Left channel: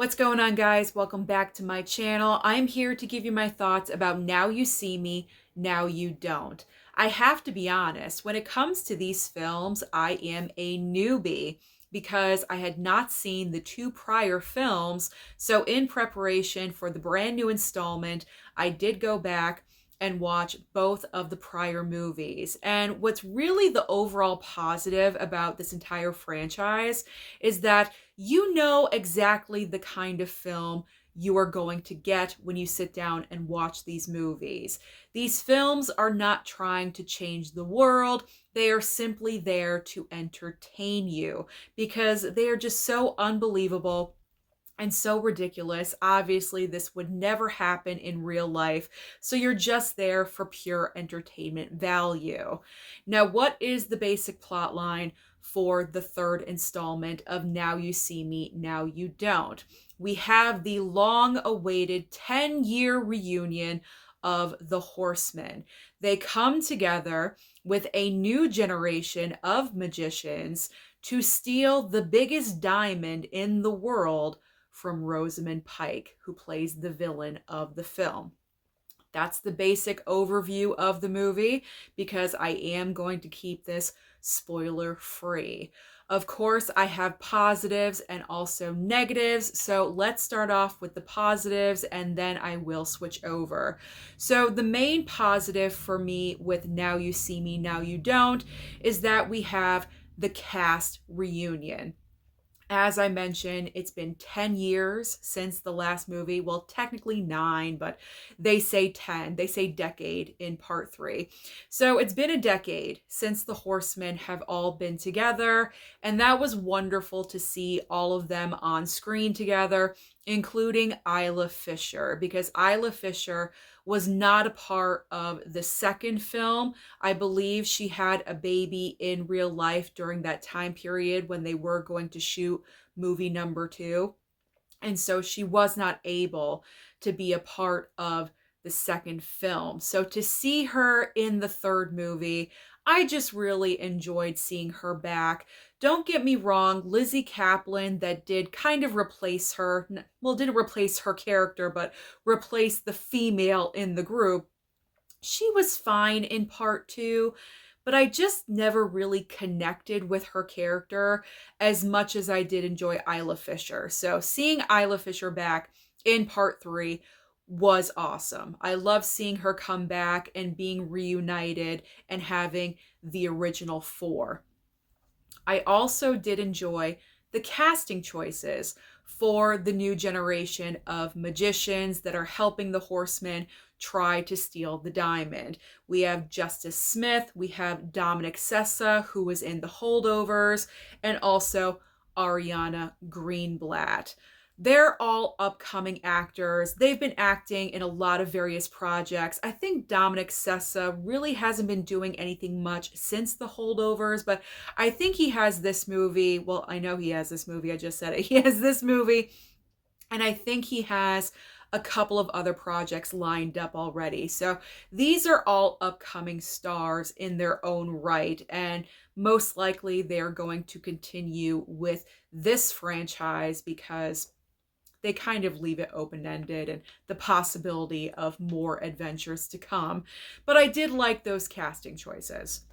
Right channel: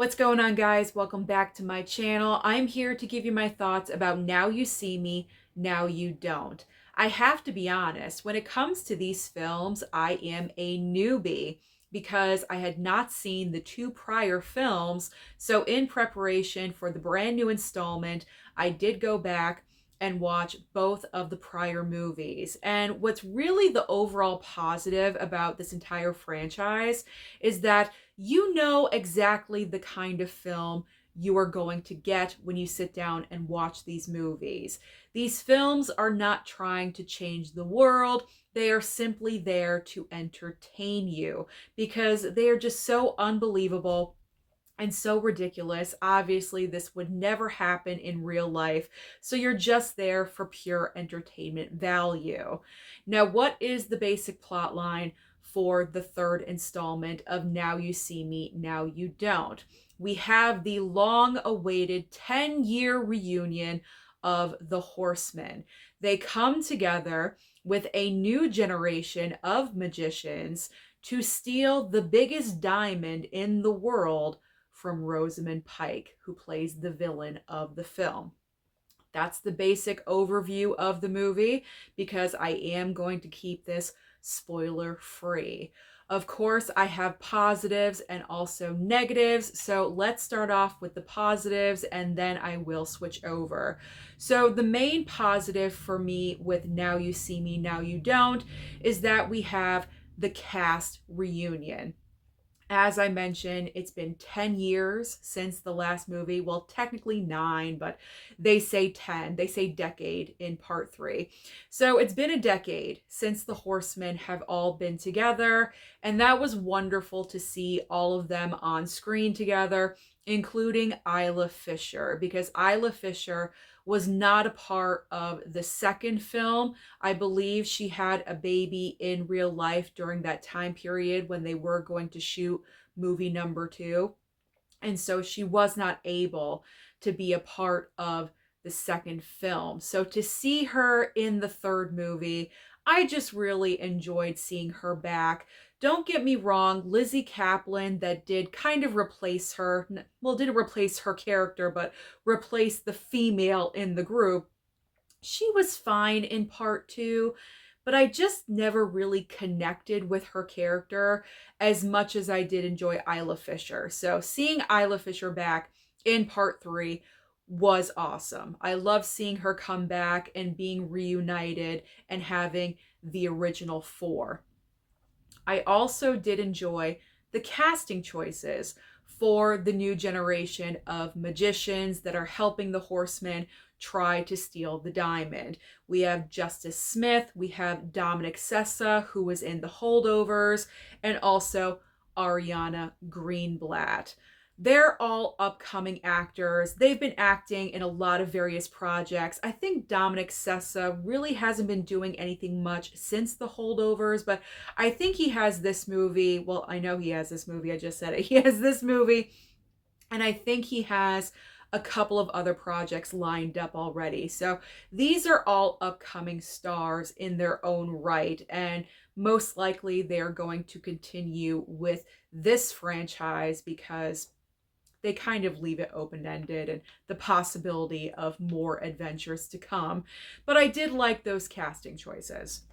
What's going on, guys? Welcome back to my channel. I'm here to give you my thoughts about Now You See Me, Now You Don't. I have to be honest, when it comes to these films, I am a newbie because I had not seen the two prior films. So in preparation for the brand new installment, I did go back and watch both of the prior movies. And what's really the overall positive about this entire franchise is that you know exactly the kind of film you are going to get when you sit down and watch these movies. These films are not trying to change the world. They are simply there to entertain you because they are just so unbelievable and so ridiculous. Obviously, this would never happen in real life. So you're just there for pure entertainment value. Now, what is the basic plot line for the third installment of Now You See Me, Now You Don't? We have the long awaited 10-year reunion of the Horsemen. They come together with a new generation of magicians to steal the biggest diamond in the world from Rosamund Pike, who plays the villain of the film. That's the basic overview of the movie because I am going to keep this spoiler free. Of course, I have positives and also negatives, so let's start off with the positives and then I will switch over. So, the main positive for me with Now You See Me, Now You Don't is that we have the cast reunion. As I mentioned, it's been 10 years since the last movie. Well, technically 9, but they say 10. They say decade in part 3. So it's been a decade since the Horsemen have all been together, and that was wonderful to see all of them on screen together, including Isla Fisher, because Isla Fisher was not a part of the second film. I believe she had a baby in real life during that time period when they were going to shoot movie number 2. And so she was not able to be a part of the second film. So to see her in the third movie, I just really enjoyed seeing her back. Don't get me wrong, Lizzie Kaplan, that did kind of replace her, well, didn't replace her character, but replace the female in the group. She was fine in part 2, but I just never really connected with her character as much as I did enjoy Isla Fisher. So seeing Isla Fisher back in part 3 was awesome. I love seeing her come back and being reunited and having the original 4. I also did enjoy the casting choices for the new generation of magicians that are helping the Horsemen try to steal the diamond. We have Justice Smith, we have Dominic Sessa, who was in The Holdovers, and also Ariana Greenblatt. They're all upcoming actors. They've been acting in a lot of various projects. I think Dominic Sessa really hasn't been doing anything much since The Holdovers, but I think he has this movie. Well, I know he has this movie. I just said it. He has this movie, and I think he has a couple of other projects lined up already. So these are all upcoming stars in their own right, and most likely they're going to continue with this franchise because they kind of leave it open-ended and the possibility of more adventures to come. But I did like those casting choices.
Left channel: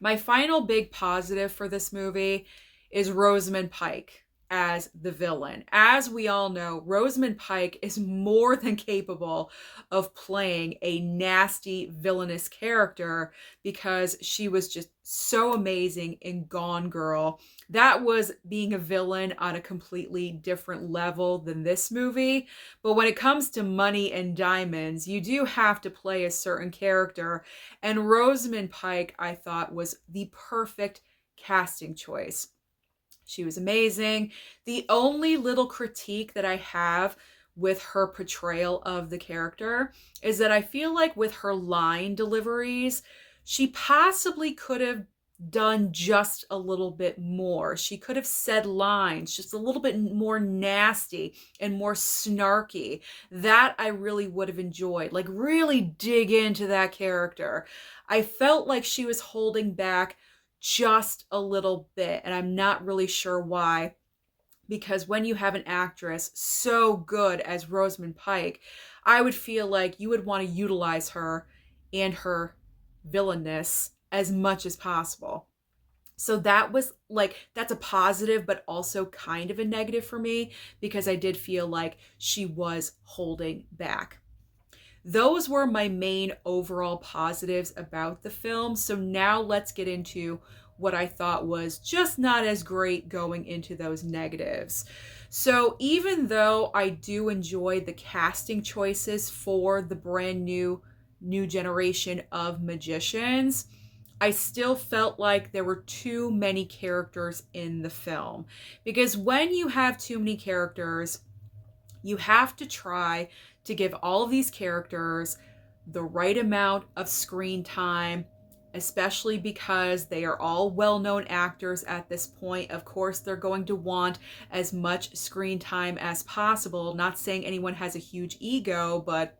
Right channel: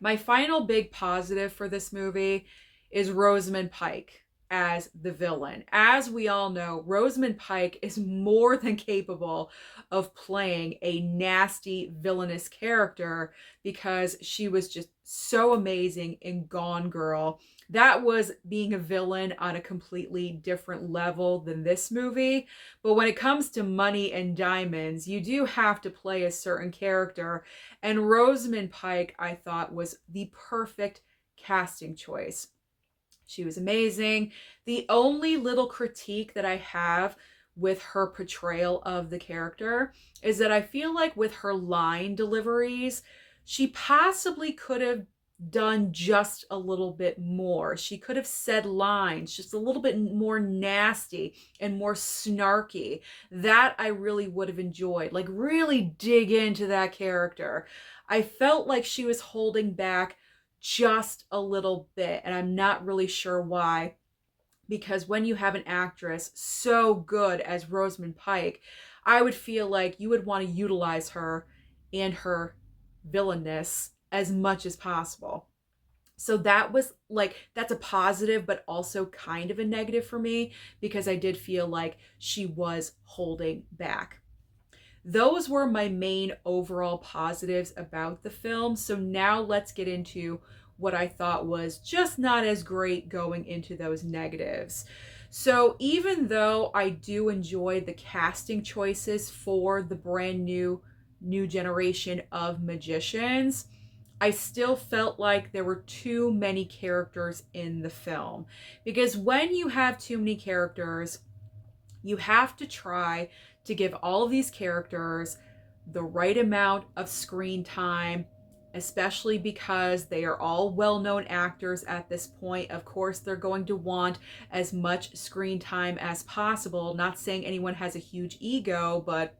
My final big positive for this movie is Rosamund Pike as the villain. As we all know, Rosamund Pike is more than capable of playing a nasty, villainous character because she was just so amazing in Gone Girl. That was being a villain on a completely different level than this movie. But when it comes to money and diamonds, you do have to play a certain character. And Rosamund Pike, I thought, was the perfect casting choice. She was amazing. The only little critique that I have with her portrayal of the character is that I feel like with her line deliveries, she possibly could have done just a little bit more. She could have said lines just a little bit more nasty and more snarky. That I really would have enjoyed. Like, really dig into that character. I felt like she was holding back just a little bit, and I'm not really sure why. because when you have an actress so good as Rosamund Pike, I would feel like you would want to utilize her and her villainness as much as possible. So that was like, that's a positive, but also kind of a negative for me because I did feel like she was holding back. Those were my main overall positives about the film. So now let's get into what I thought was just not as great going into those negatives. So even though I do enjoy the casting choices for the brand new generation of magicians, I still felt like there were too many characters in the film. Because when you have too many characters, you have to try to give all of these characters the right amount of screen time, especially because they are all well-known actors at this point. Of course, they're going to want as much screen time as possible. Not saying anyone has a huge ego, but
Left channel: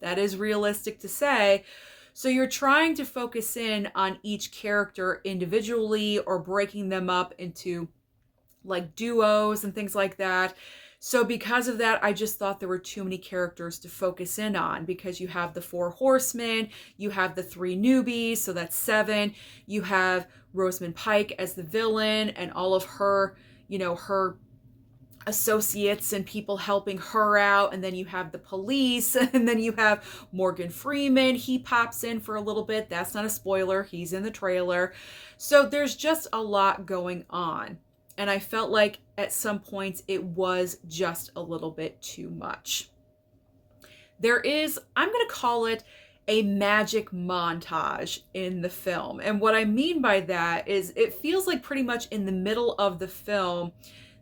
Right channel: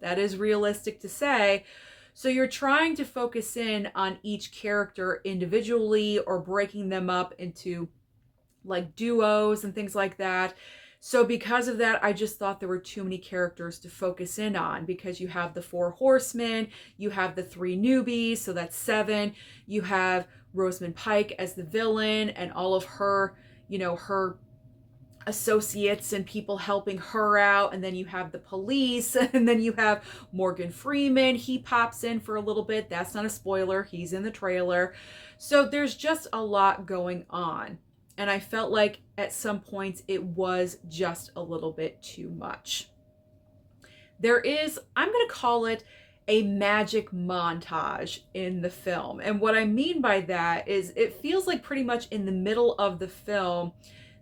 that is realistic to say. So you're trying to focus in on each character individually or breaking them up into like duos and things like that. So because of that, I just thought there were too many characters to focus in on, because you have the four horsemen, you have the three newbies, so that's seven. You have Rosamund Pike as the villain and all of her, her associates and people helping her out, and then you have the police, and then you have Morgan Freeman. He pops in for a little bit. That's not a spoiler. He's in the trailer. So there's just a lot going on. And I felt like at some points it was just a little bit too much. There is, I'm going to call it a magic montage in the film. And what I mean by that is it feels like pretty much in the middle of the film,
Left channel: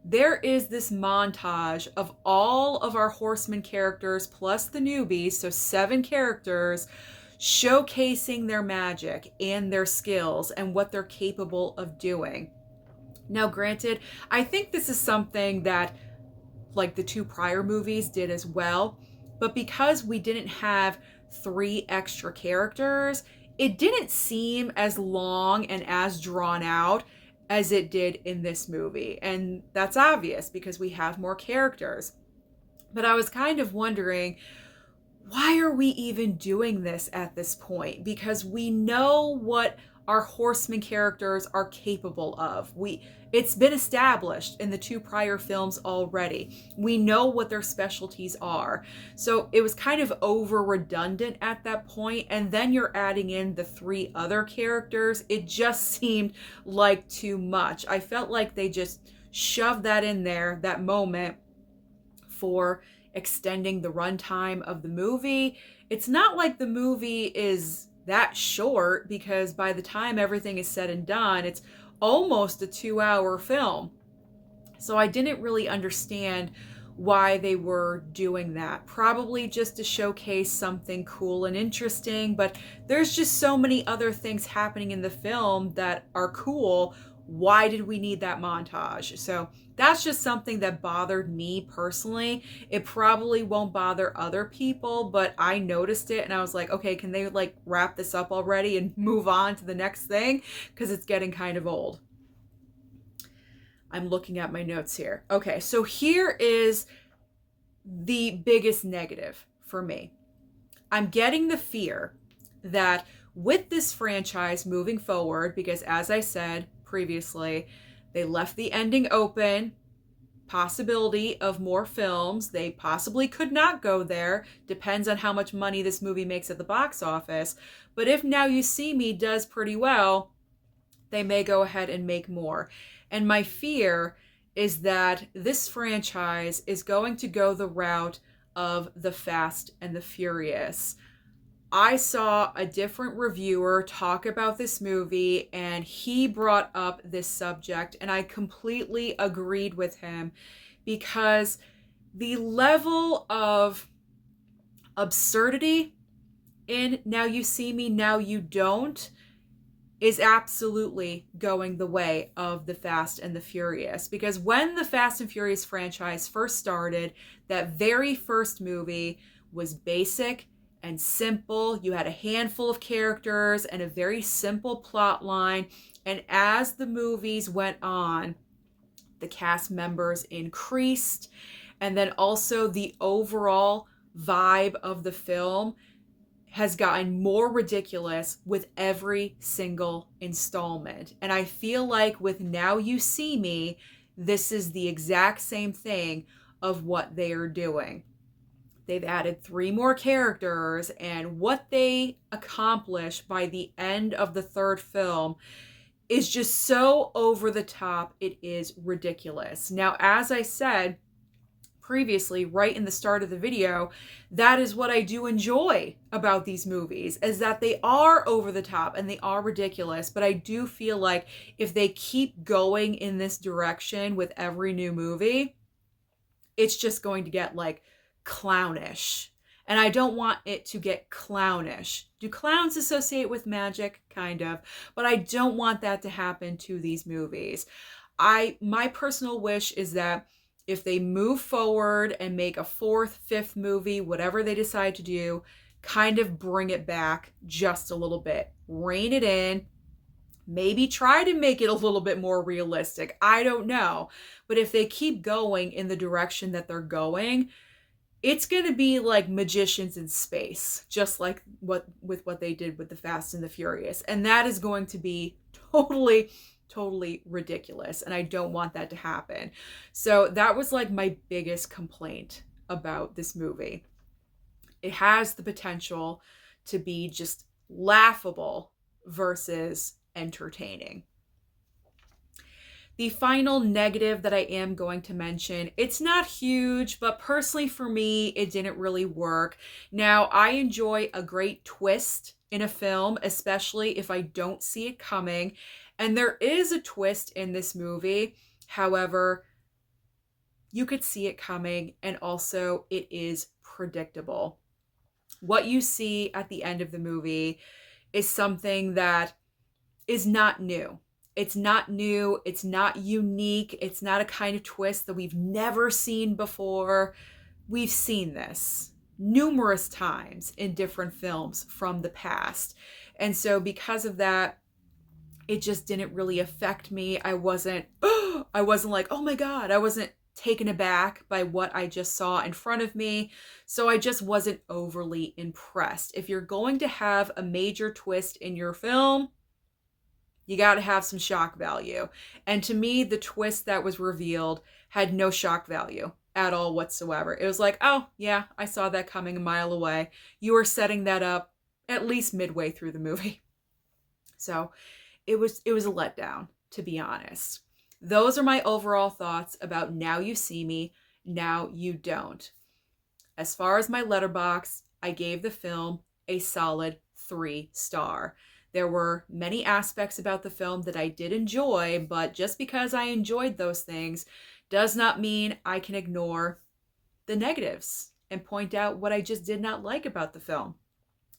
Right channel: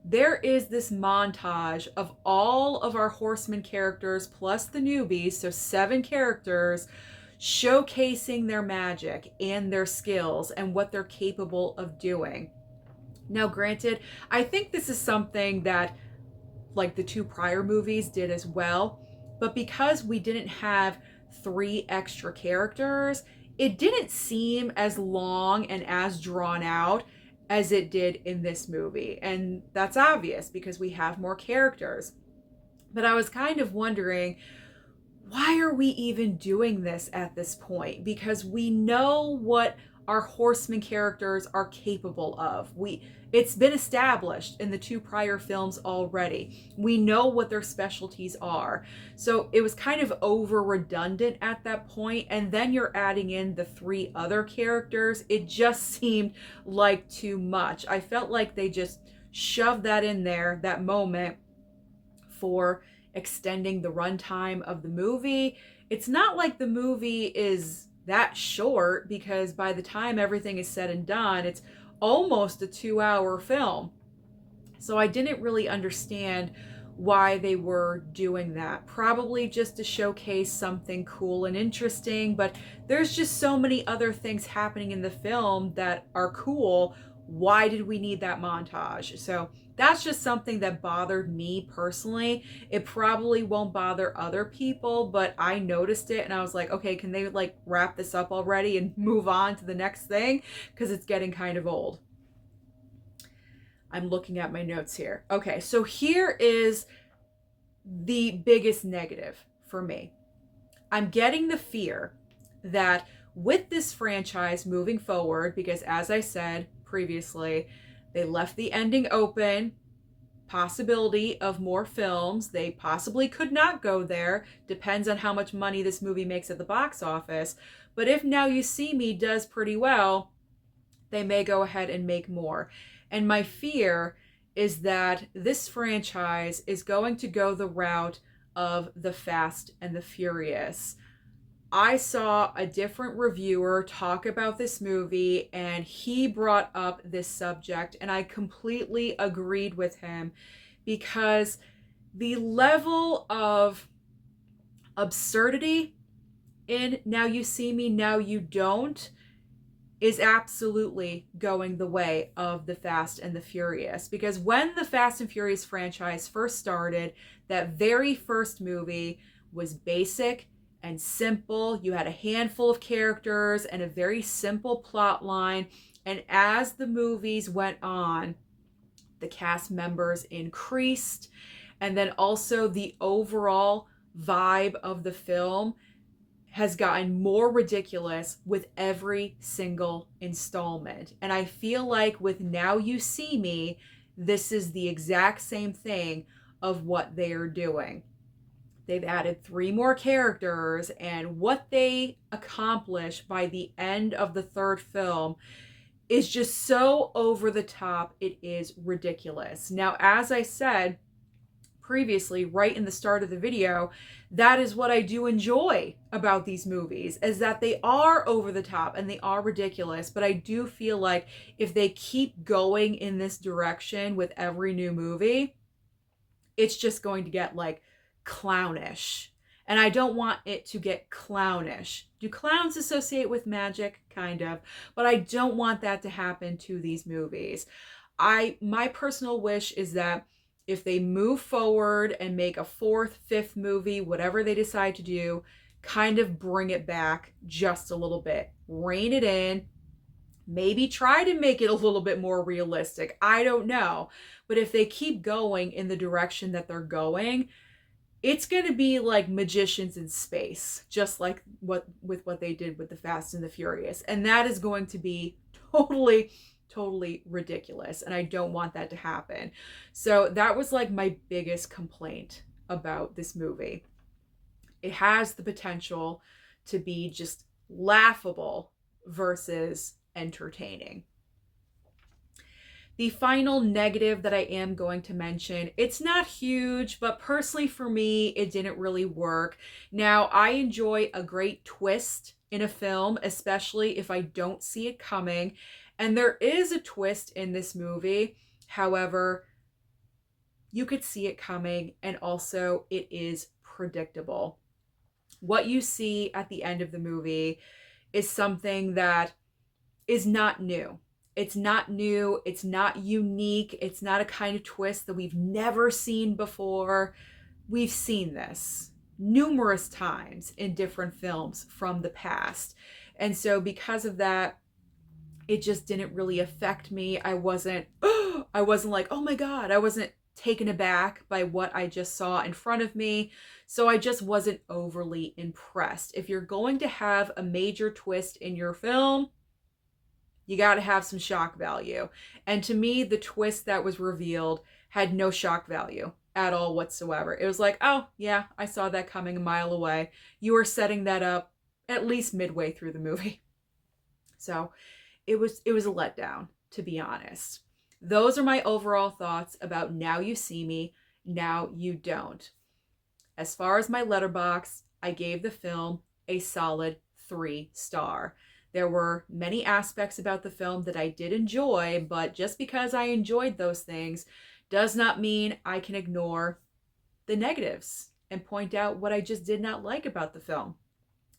there is this montage of all of our horseman characters plus the newbies, so 7 characters, showcasing their magic and their skills and what they're capable of doing. Now, granted, I think this is something that like the 2 prior movies did as well, but because we didn't have 3 extra characters, it didn't seem as long and as drawn out as it did in this movie. And that's obvious because we have more characters. But I was kind of wondering, why are we even doing this at this point? Because we know what our horseman characters are capable of. It's been established in the 2 prior films already. We know what their specialties are. So it was kind of over redundant at that point. And then you're adding in the 3 other characters. It just seemed like too much. I felt like they just shoved that in there, that moment, for extending the runtime of the movie. It's not like the movie is that short, because by the time everything is said and done, it's almost a 2-hour film. So I didn't really understand why they were doing that. Probably just to showcase something cool and interesting, but there's just so many other things happening in the film that are cool. Why did we need that montage? So that's just something that bothered me personally. It probably won't bother other people, but I noticed it and I was like, okay, can they like wrap this up already and move on to the next thing? Because it's getting kind of old. I'm looking at my notes here. Okay, so here is the biggest negative for me. I'm getting the fear that with this franchise moving forward, because as I said previously, they left the ending open, possibility of more films. They possibly could not go there. Depends on how much money this movie makes at the box office. But if Now You See Me does pretty well, they may go ahead and make more. And my fear is that this franchise is going to go the route of the Fast and the Furious. I saw a different reviewer talk about this movie and he brought up this subject, and I completely agreed with him, because the level of absurdity in Now You See Me, Now You Don't is absolutely going the way of the Fast and the Furious. Because when the Fast and Furious franchise first started, that very first movie was basic and simple. You had a handful of characters and a very simple plot line. And as the movies went on, The cast members increased, and then also the overall vibe of the film has gotten more ridiculous with every single installment. And I feel like with Now You See Me, this is the exact same thing of what they are doing. They've added 3 more characters, and what they accomplish by the end of the third film is just so over the top, it is ridiculous. Now, as I said previously, right in the start of the video, that is what I do enjoy about these movies, is that they are over the top and they are ridiculous. But I do feel like if they keep going in this direction with every new movie, it's just going to get like clownish. And I don't want it to get clownish. Do clowns associate with magic? Kind of. But I don't want that to happen to these movies. My personal wish is that if they move forward and make a 4th, 5th movie, whatever they decide to do, kind of bring it back just a little bit. Rein it in. Maybe try to make it a little bit more realistic. I don't know. But if they keep going in the direction that they're going, it's going to be like Magicians in Space, just like what they did with the Fast and the Furious. And that is going to be totally ridiculous. And I don't want that to happen. So that was like my biggest complaint about this movie. It has the potential to be just laughable versus entertaining. The final negative that I am going to mention, it's not huge, but personally for me, it didn't really work. Now, I enjoy a great twist in a film, especially if I don't see it coming. And there is a twist in this movie. However, you could see it coming, and also it is predictable. What you see at the end of the movie is something that is not new. It's not new. It's not unique. It's not a kind of twist that we've never seen before. We've seen this numerous times in different films from the past. And so because of that, it just didn't really affect me. I wasn't like, oh my God, I wasn't taken aback by what I just saw in front of me. So I just wasn't overly impressed. If you're going to have a major twist in your film, you got to have some shock value. And to me, the twist that was revealed had no shock value at all whatsoever. It was like, oh, yeah, I saw that coming a mile away. You were setting that up at least midway through the movie. So it was a letdown, to be honest. Those are my overall thoughts about Now You See Me, Now You Don't. As far as my Letterboxd, I gave the film a solid 3-star. There were many aspects about the film that I did enjoy, but just because I enjoyed those things does not mean I can ignore the negatives and point out what I just did not like about the film.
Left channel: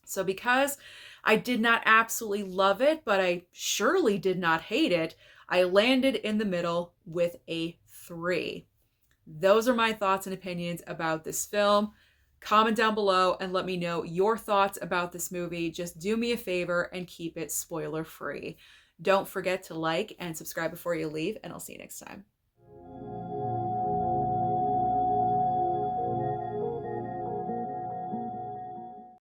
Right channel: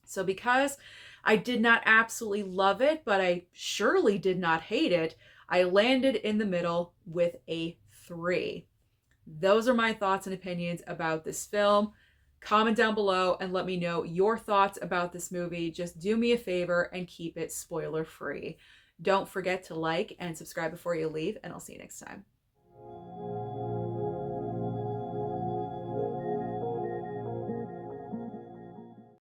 So because I did not absolutely love it, but I surely did not hate it, I landed in the middle with a 3. Those are my thoughts and opinions about this film. Comment down below and let me know your thoughts about this movie. Just do me a favor and keep it spoiler free. Don't forget to like and subscribe before you leave, and I'll see you next time.